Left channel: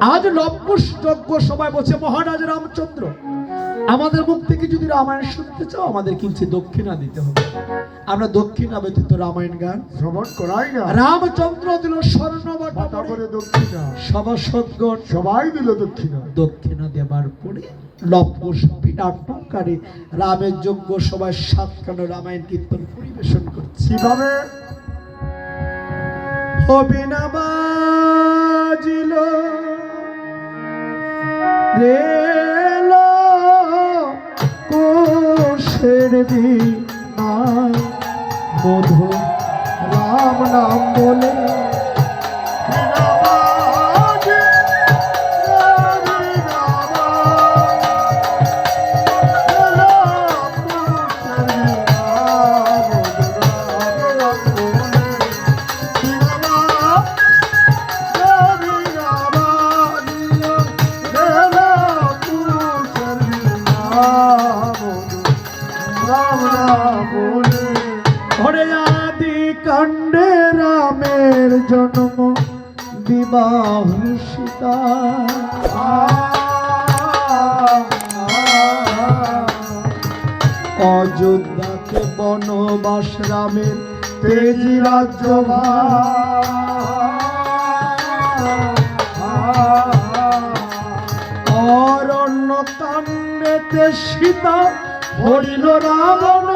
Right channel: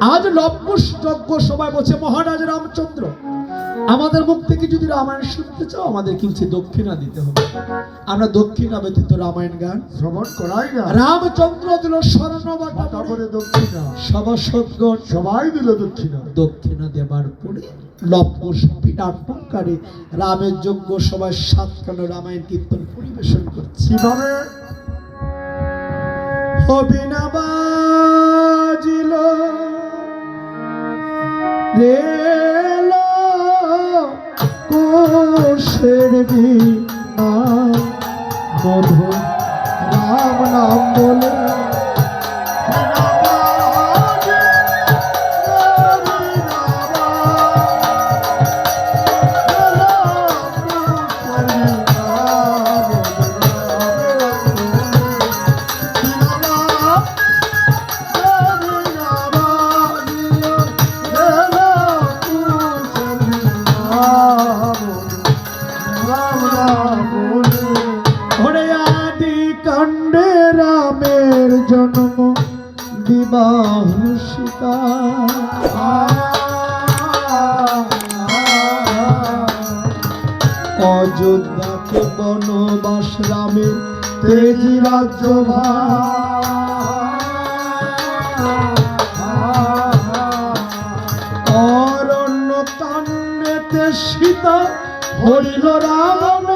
আজ লবকুশ যজ্ঞ সবাই বলছে মহারাজ রামচন্দ্র আমাদের মুখ থেকে যদি রামায়ণ শুনতে চাও আমাদের কিছু দক্ষিণা দিতে হবে? আমরা দক্ষিণা ব্যতীত রামায়ণ গান শ্রবণ করাই না। রামচন্দ্র দিল স্বর্ণ তারপরে দক্ষিণা। সভাসদগণ সবাই দিল দক্ষিণা। দক্ষিণা দেবার পরে লবকুশ রামের যজ্ঞ সবাই সাতখানো রামায়ণ কীর্তন পরিবেশন করছে। কীভাবে? হবিনা বাজিল। রেল কোষের বিমান মধু কাণ্ডে রামের জন্ম বিবাহ অযোধ্যাকে বনবাস রামের তেজি রাজ্য অরণ্য কাণ্ডেতে সীতা হরিল রাবণে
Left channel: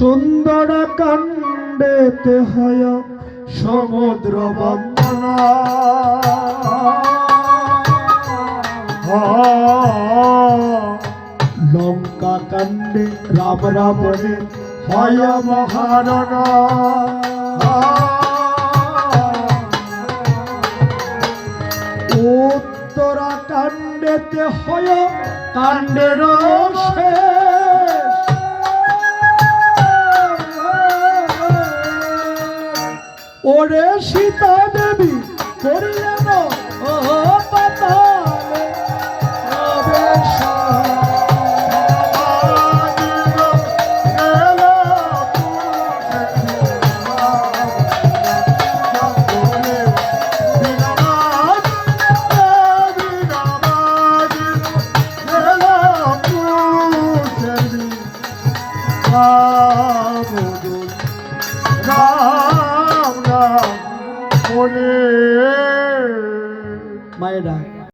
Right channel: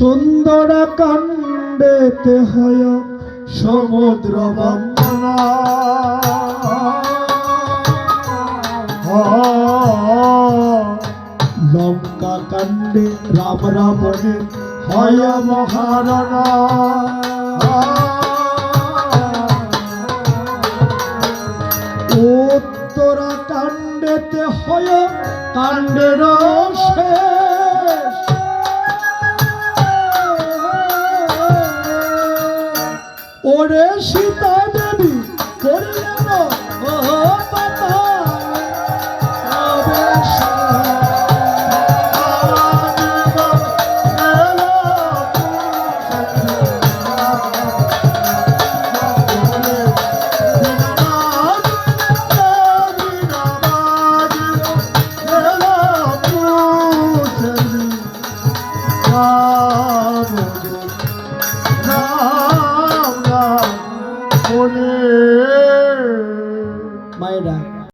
সুন্দর কাণ্ডেতে হয় সমুদ্র বন্দনা। লঙ্কা কাণ্ডে, রাম রাবণে হয় মহারানা। উত্তরা কাণ্ডেতে হয় কাণ্ডের শেষ সীতা